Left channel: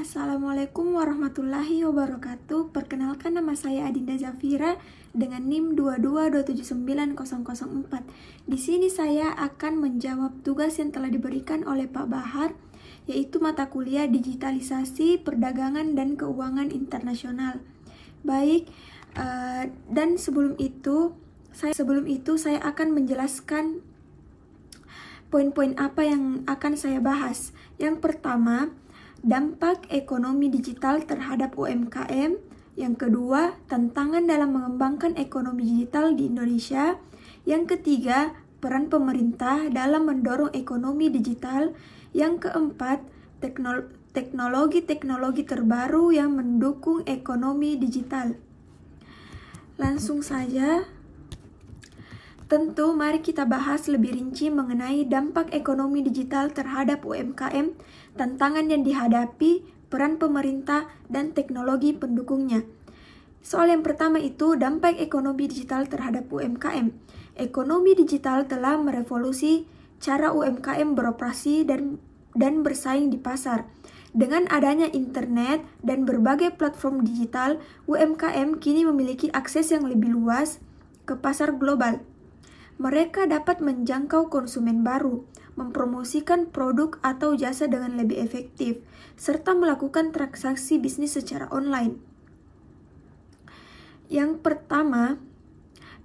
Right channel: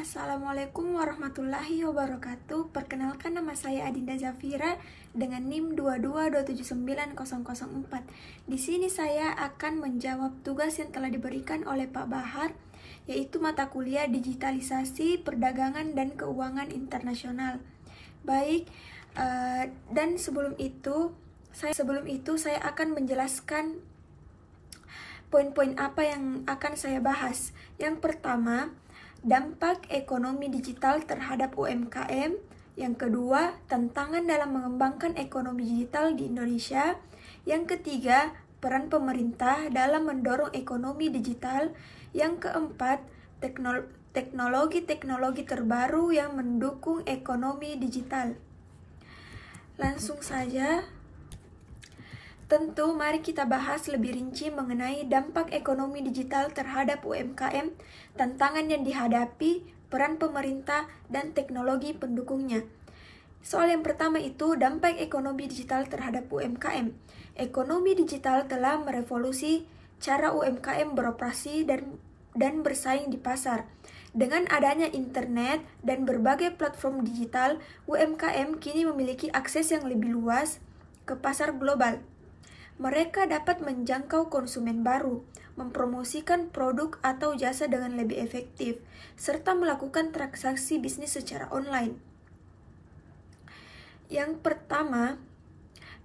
Assalamualaikum warahmatullahi wabarakatuh. Perkenalkan, nama saya Adinda Zafira dengan NIM 222790004. Di sini saya akan menjawab tugas yang telah diberikan oleh Pak Bahar, yaitu mata kuliah Digitalisasi Perdagangan dan Keuangan Internasional. Baik, dan sebelum itu saya akan menjelaskan poin-poin apa yang akan saya bahas. Yang pertama, dampak ekonomi digital terhadap UMKM. Yang kedua, tantangan dalam mengembangkan ekonomi digital di Indonesia. Yang ketiga, peran pemerintah dalam mendorong ekonomi digital. Yang keempat, teknologi-teknologi terbaru yang mendukung ekonomi digital. Langsung saja. Tentu, mari kita bahas lebih rinci mengenai dampak ekonomi digital terhadap UMKM, tantangan yang dihadapi, peran pemerintah, dan teknologi pendukungnya. Soal yang pertama itu, dampak ekonomi digital terhadap UMKM. Ekonomi digital telah merevolusi cara UMKM beroperasi dan bersaing di pasar. Dengan adanya internet dan berbagai platform digital, UMKM kini memiliki akses yang lebih luas ke pasar global. Mereka dapat menjangkau konsumen baru, mempromosikan produk atau jasa dengan lebih efektif, serta melakukan transaksi bisnis secara online. Yang pertama,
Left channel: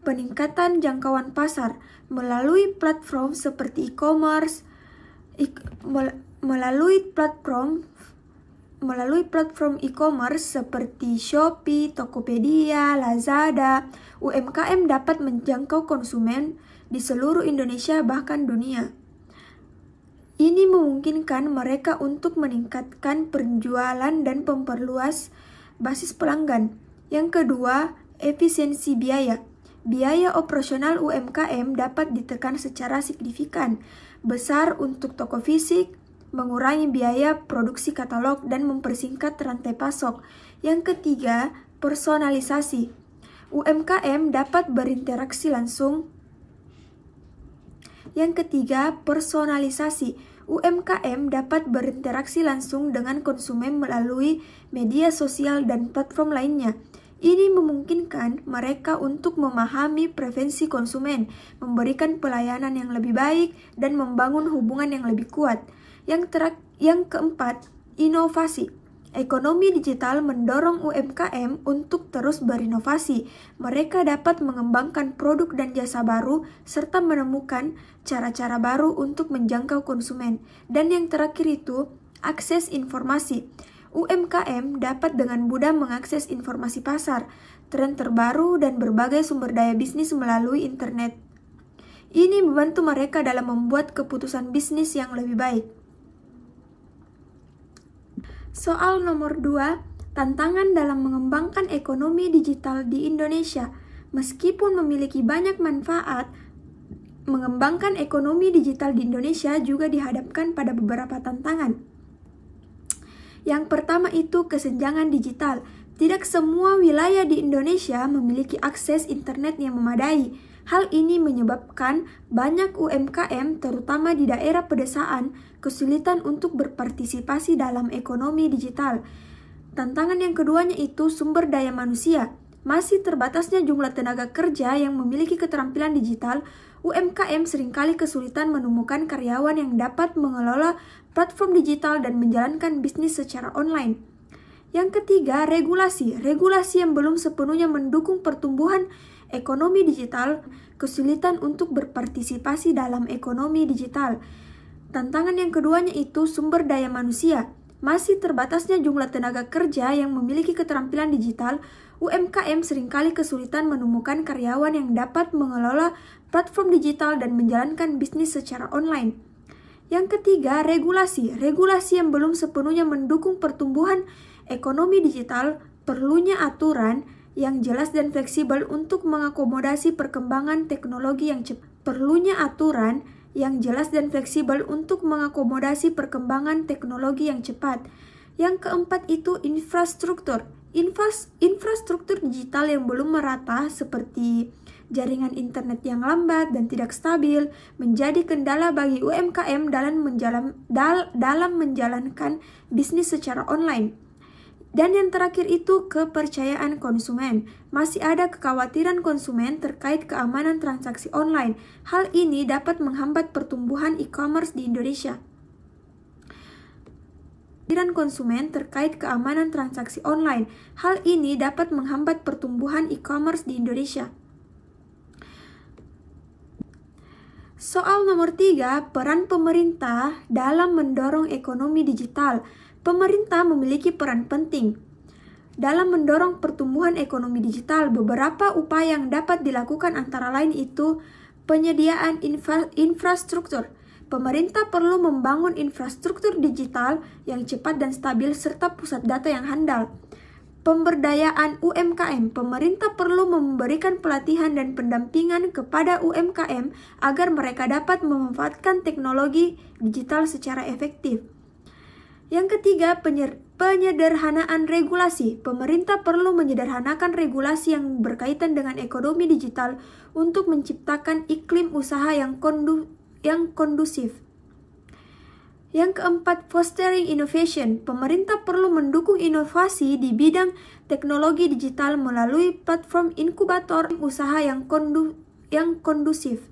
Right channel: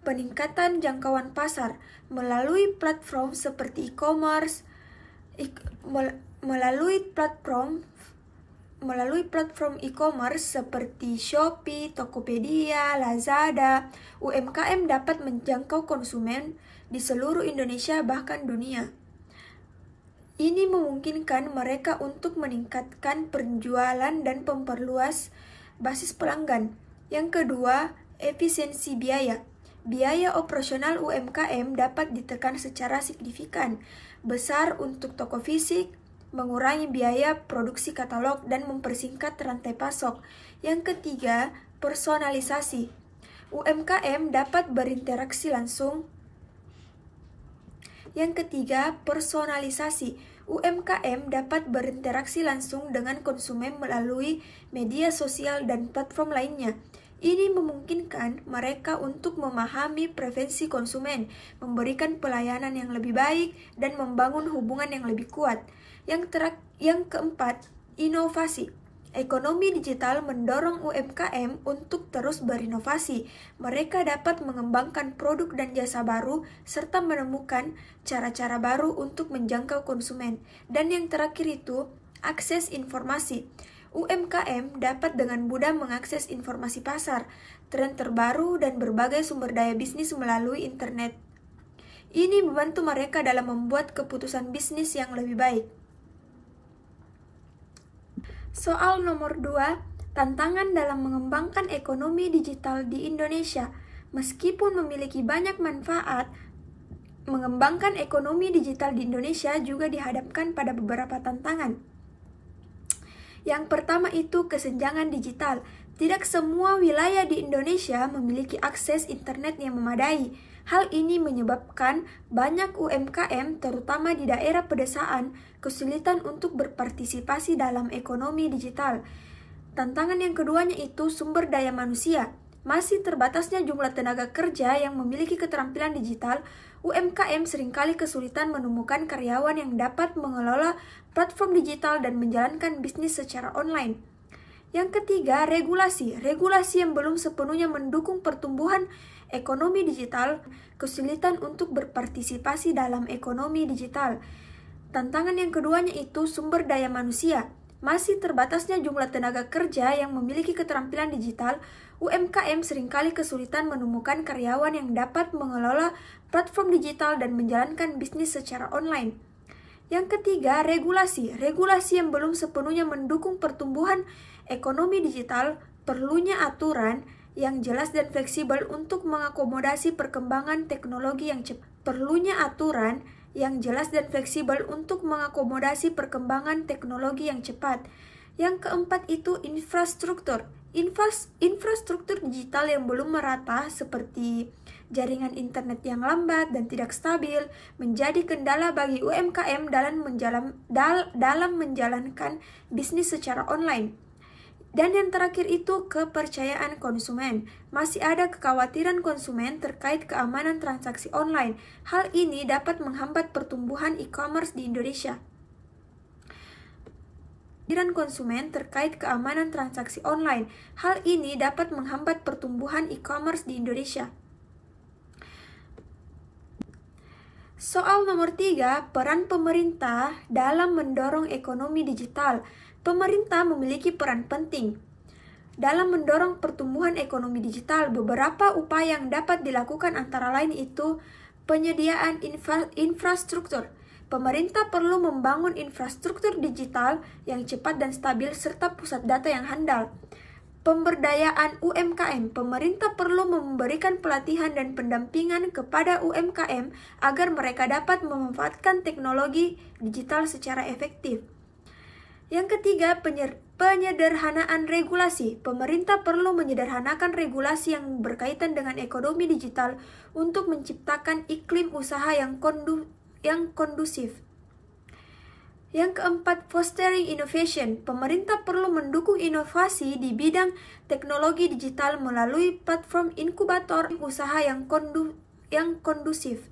peningkatan jangkauan pasar melalui platform seperti e-commerce, melalui platform e-commerce seperti Shopee, Tokopedia, Lazada, UMKM dapat menjangkau konsumen di seluruh Indonesia bahkan dunia. Ini memungkinkan mereka untuk meningkatkan penjualan dan memperluas basis pelanggan. Yang kedua, efisiensi biaya. Biaya operasional UMKM dapat ditekan secara signifikan, besar untuk toko fisik, mengurangi biaya produksi katalog, dan mempersingkat rantai pasok. Yang ketiga, personalisasi. UMKM dapat berinteraksi langsung. Yang ketiga, personalisasi. UMKM dapat berinteraksi langsung dengan konsumen melalui media sosial dan platform lainnya. Ini memungkinkan mereka untuk memahami preferensi konsumen, memberikan pelayanan yang lebih baik, dan membangun hubungan yang lebih kuat. Yang keempat, inovasi. Ekonomi digital mendorong UMKM untuk terus berinovasi. Mereka dapat mengembangkan produk dan jasa baru, serta menemukan cara-cara baru untuk menjangkau konsumen. Dan yang terakhir itu, akses informasi. UMKM dapat dengan mudah mengakses informasi pasar, tren terbaru, dan berbagai sumber daya bisnis melalui internet. Ini membantu mereka dalam membuat keputusan bisnis yang lebih baik. Soal nomor 2, tantangan dalam mengembangkan ekonomi digital di Indonesia. Meskipun memiliki banyak manfaat, mengembangkan ekonomi digital di Indonesia juga dihadapkan pada beberapa tantangan. Yang pertama itu kesenjangan digital. Tidak semua wilayah di Indonesia memiliki akses internet yang memadai. Hal ini menyebabkan banyak UMKM, terutama di daerah pedesaan, kesulitan untuk berpartisipasi dalam ekonomi digital. Tantangan yang keduanya itu sumber daya manusia. Masih terbatasnya jumlah tenaga kerja yang memiliki keterampilan digital, UMKM seringkali kesulitan menemukan karyawan yang dapat mengelola platform digital dan menjalankan bisnis secara online. Yang ketiga, regulasi. Regulasi yang belum sepenuhnya mendukung pertumbuhan ekonomi digital, kesulitan untuk berpartisipasi dalam ekonomi digital. Tantangan yang keduanya itu sumber daya manusia. Masih terbatasnya jumlah tenaga kerja yang memiliki keterampilan digital, UMKM seringkali kesulitan menemukan karyawan yang dapat mengelola platform digital dan menjalankan bisnis secara online. Yang ketiga, regulasi. Regulasi yang belum sepenuhnya mendukung pertumbuhan ekonomi digital, perlunya aturan yang jelas dan fleksibel untuk mengakomodasi perkembangan teknologi yang cepat. Yang keempat itu infrastruktur. Infrastruktur digital yang belum merata seperti jaringan internet yang lambat dan tidak stabil menjadi kendala bagi UMKM dalam menjalankan bisnis secara online. Dan yang terakhir itu kepercayaan konsumen. Masih ada kekhawatiran konsumen terkait keamanan transaksi online. Hal ini dapat menghambat pertumbuhan e-commerce di Indonesia. Konsumen terkait keamanan transaksi online. Hal ini dapat menghambat pertumbuhan e-commerce di Indonesia. Soal nomor 3, peran pemerintah dalam mendorong ekonomi digital. Pemerintah memiliki peran penting dalam mendorong pertumbuhan ekonomi digital. Beberapa upaya yang dapat dilakukan antara lain itu penyediaan infrastruktur. Pemerintah perlu membangun infrastruktur digital yang cepat dan stabil serta pusat data yang handal. Pemberdayaan UMKM. Pemerintah perlu memberikan pelatihan dan pendampingan kepada UMKM agar mereka dapat memanfaatkan teknologi digital secara efektif. Yang ketiga, penyederhanaan regulasi. Pemerintah perlu menyederhanakan regulasi yang berkaitan dengan ekonomi digital untuk menciptakan iklim usaha yang kondusif. Yang keempat, fostering innovation. Pemerintah perlu mendukung inovasi di bidang teknologi digital melalui platform inkubator usaha yang kondusif.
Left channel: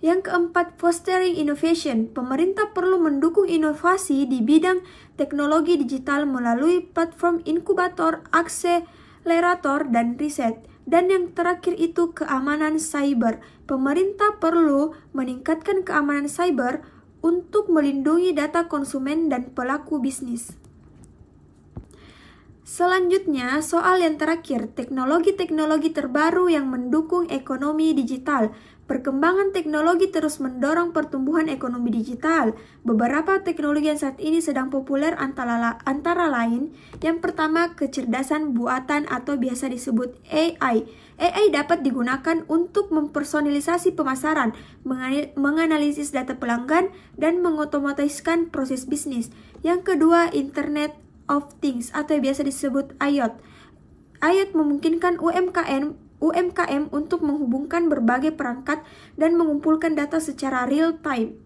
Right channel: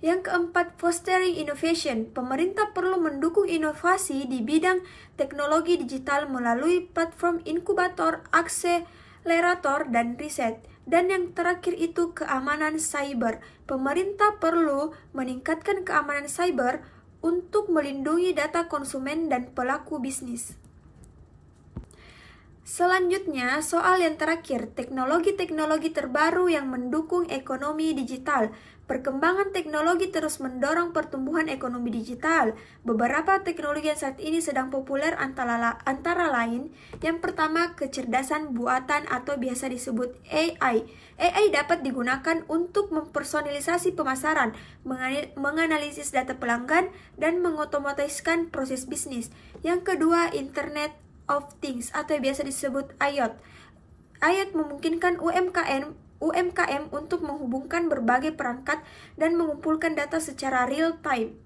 Yang keempat, fostering innovation. Pemerintah perlu mendukung inovasi di bidang teknologi digital melalui platform inkubator, akselerator, dan riset. Dan yang terakhir itu keamanan cyber. Pemerintah perlu meningkatkan keamanan cyber untuk melindungi data konsumen dan pelaku bisnis. Selanjutnya, soal yang terakhir, teknologi-teknologi terbaru yang mendukung ekonomi digital. Perkembangan teknologi terus mendorong pertumbuhan ekonomi digital. Beberapa teknologi yang saat ini sedang populer antara lain, yang pertama, kecerdasan buatan atau biasa disebut AI. AI dapat digunakan untuk mempersonalisasi pemasaran, menganalisis data pelanggan, dan mengotomatiskan proses bisnis. Yang kedua, Internet of Things atau biasa disebut IoT. IoT memungkinkan UMKM untuk menghubungkan berbagai perangkat dan mengumpulkan data secara real time.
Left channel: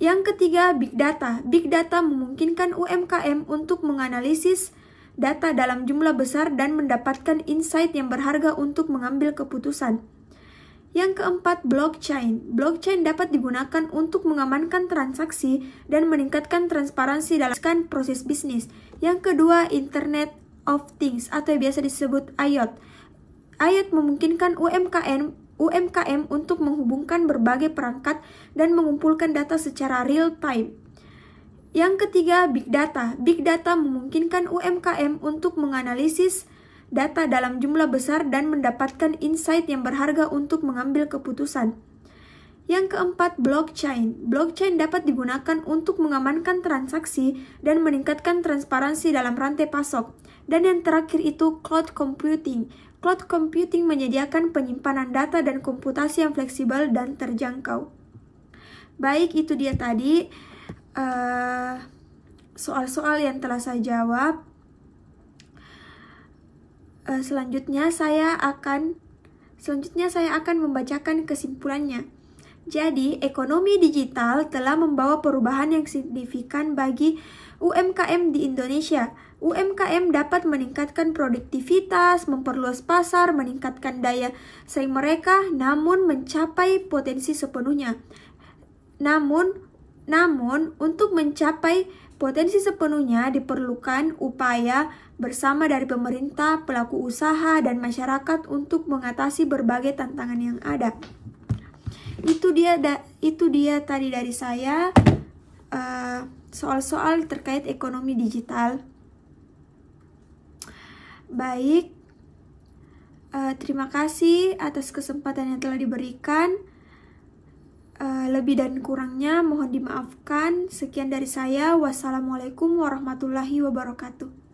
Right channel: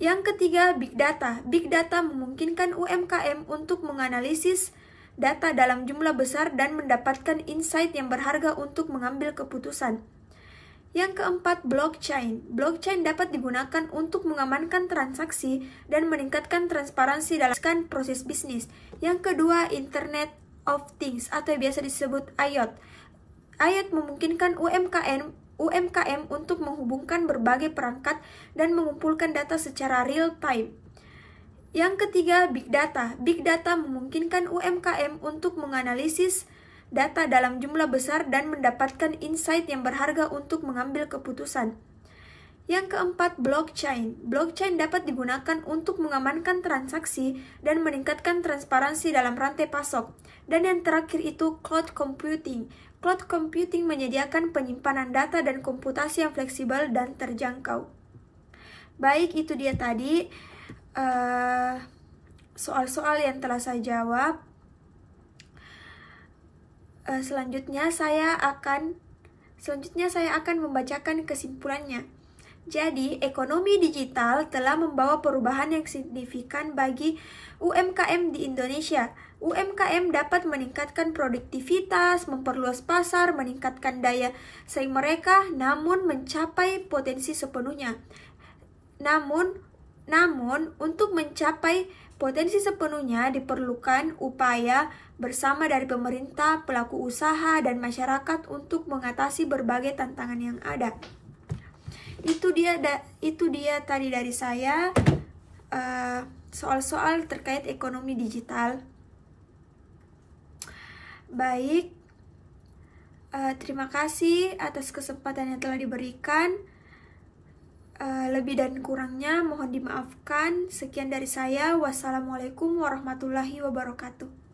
Yang ketiga, Big Data. Big Data memungkinkan UMKM untuk menganalisis data dalam jumlah besar dan mendapatkan insight yang berharga untuk mengambil keputusan. Yang keempat, Blockchain. Blockchain dapat digunakan untuk mengamankan transaksi dan meningkatkan transparansi dalam proses bisnis. Yang kedua, Internet of Things atau biasa disebut IoT. IoT memungkinkan UMKM untuk menghubungkan berbagai perangkat dan mengumpulkan data secara real time. Yang ketiga, Big Data. Big Data memungkinkan UMKM untuk menganalisis data dalam jumlah besar dan mendapatkan insight yang berharga untuk mengambil keputusan. Yang keempat, Blockchain. Blockchain dapat digunakan untuk mengamankan transaksi dan meningkatkan transparansi dalam rantai pasok. Dan yang terakhir itu Cloud Computing. Cloud Computing menyediakan penyimpanan data dan komputasi yang fleksibel dan terjangkau. Baik, itu dia tadi soal-soal yang telah saya jawab. Selanjutnya saya akan membacakan kesimpulannya. Jadi, ekonomi digital telah membawa perubahan yang signifikan bagi UMKM di Indonesia. UMKM dapat meningkatkan produktivitas, memperluas pasar, meningkatkan daya saing mereka, namun mencapai potensi sepenuhnya. Namun, untuk mencapai potensi sepenuhnya diperlukan upaya bersama dari pemerintah, pelaku usaha, dan masyarakat untuk mengatasi berbagai tantangan yang ada. Itu dia tadi dari saya soal-soal terkait ekonomi digital. Baik, terima kasih atas kesempatan yang telah diberikan. Lebih dan kurangnya mohon dimaafkan. Sekian dari saya. Wassalamualaikum warahmatullahi wabarakatuh.